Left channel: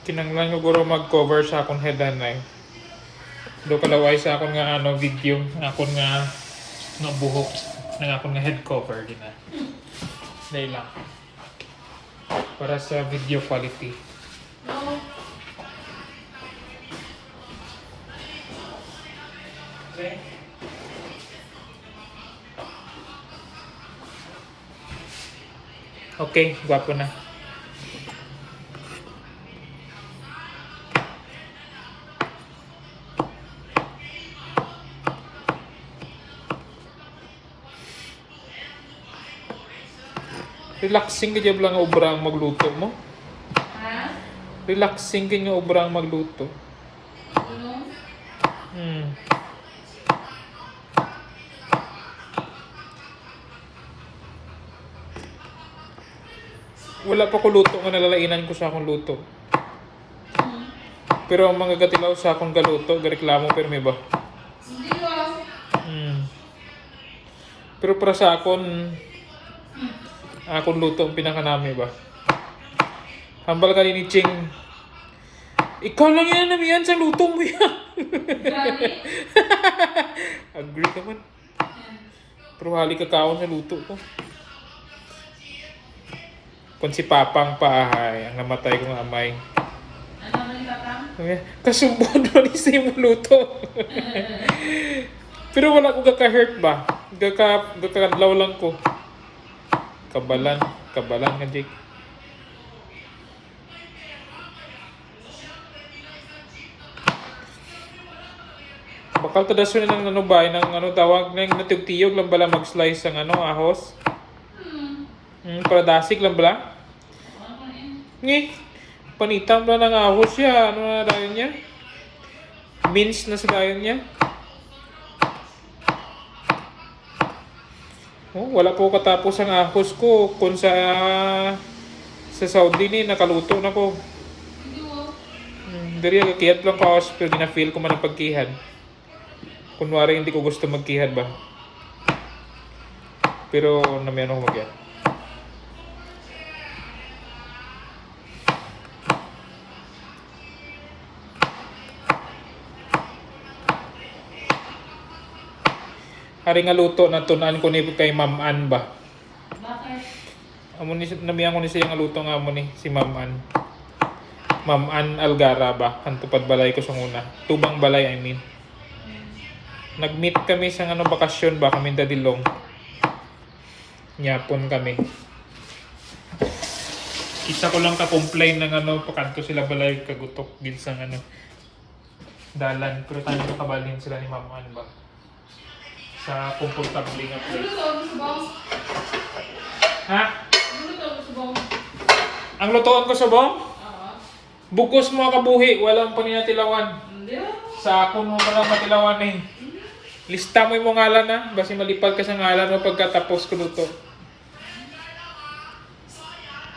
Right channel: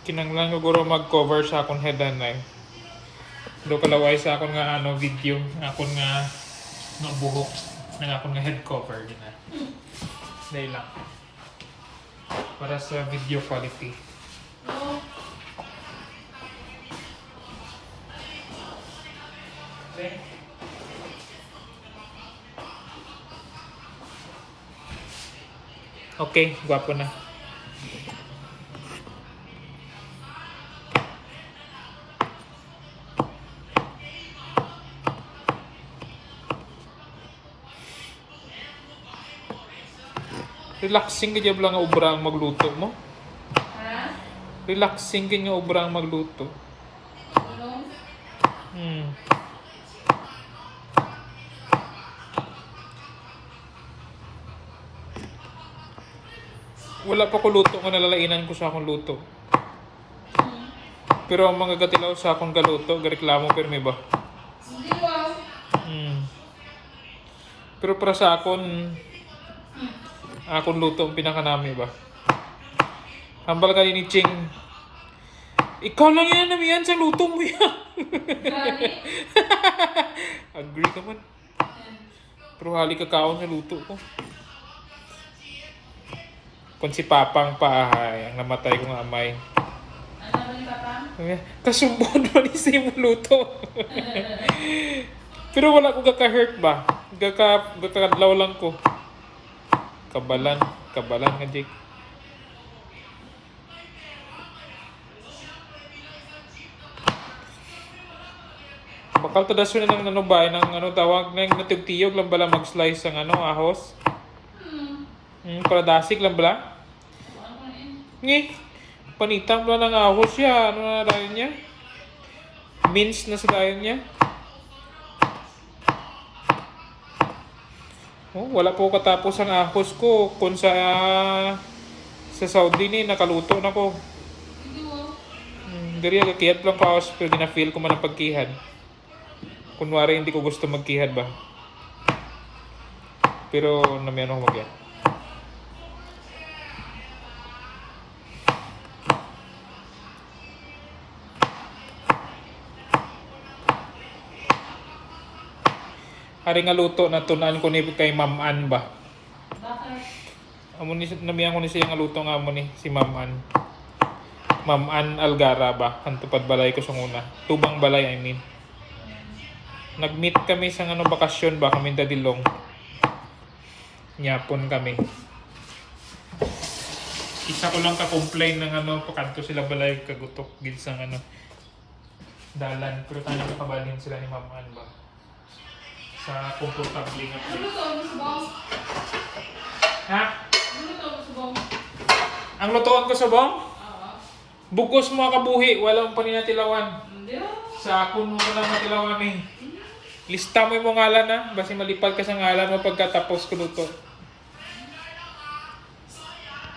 Kinanglan ko guro mag-cover sa akong head and neck. Do kalaway sa akong nga ano video, akong nga no buhok ng akong nga head cover din na. Dahil lang. Para sa video quality. Okay. Okay, gwapo na. Relaxing ka lang nga obra ang magluto mo. Ha? Relaxing ka nga obra ang magluto. Ano? Wala pa ko luto nga nalalainan ko sa akong luto. Pero ang mga gatilaw sa akong galuto, gareklamo pero may ba? Hindi ba? Pero para sa akon luto ang pinakanami ba? Hambal ka ni Ching. Ikaw lang yan, namiyan sa luto mo yan. Grabe. Agree ka man. Pero hali kakaon sa luto ko. Kung si Papang Paahay, ang namatay kong amay. Ano ba yung tatang? Kasumbon mo ni sa imong luto. Pero wala ko kaka-hurt ba? Gakadlaw lang ko. Kabalan nga Jake. Bakal tadaso na ng ano ba, ng ano tawag ng natugtiyog lang bala mag-slice ang ano ahos. Para dasik lang bala. Ngi. Panitam lang ng ahos siya. Ano na dayon niya? Mince na sa dayon niya. Oh, wala po katapos ang ahos ko. Kung sa Saudi ni nakaluto na ko. Hindi ba? Dari agakiyat lang ko ahos pero gina-feel ko man ang pagkihad. Kunwari hindi ko gusto magkihad ba. Pero namiyan ako magyat. Hari nga luto na tunan ko ni kay Ma'am Ann ba. Bakit? Amo ni namiyan ko ni siya nga luto nga amo ni si Ma'am Ann. Ma'am Ann Algara ba. Ang tupad balay ko sa una. Tubang balay I mean. Nag-meet kami sa ano bakasyon ba kami dadilong. Nyapon kami. Kita ko lang ka-complain ng ano pakanto sila balay kagutok gid sa ano dalan pero tayo kabalin sila ni Ma'am Ann ba. Sa komportable nga Ano place. to? Ano sa bawang? Ha? Ano to? Ano sa bawang? Ang lutoon ko sa bong? Ah. Bukos mo kabuhi, walang paninatilawan. Hindi ah. Sa akon mo palang matilawan eh. Lista mo yung mga ngalan na, basi malipad ka sa ngalan mo pagkatapos ko luto.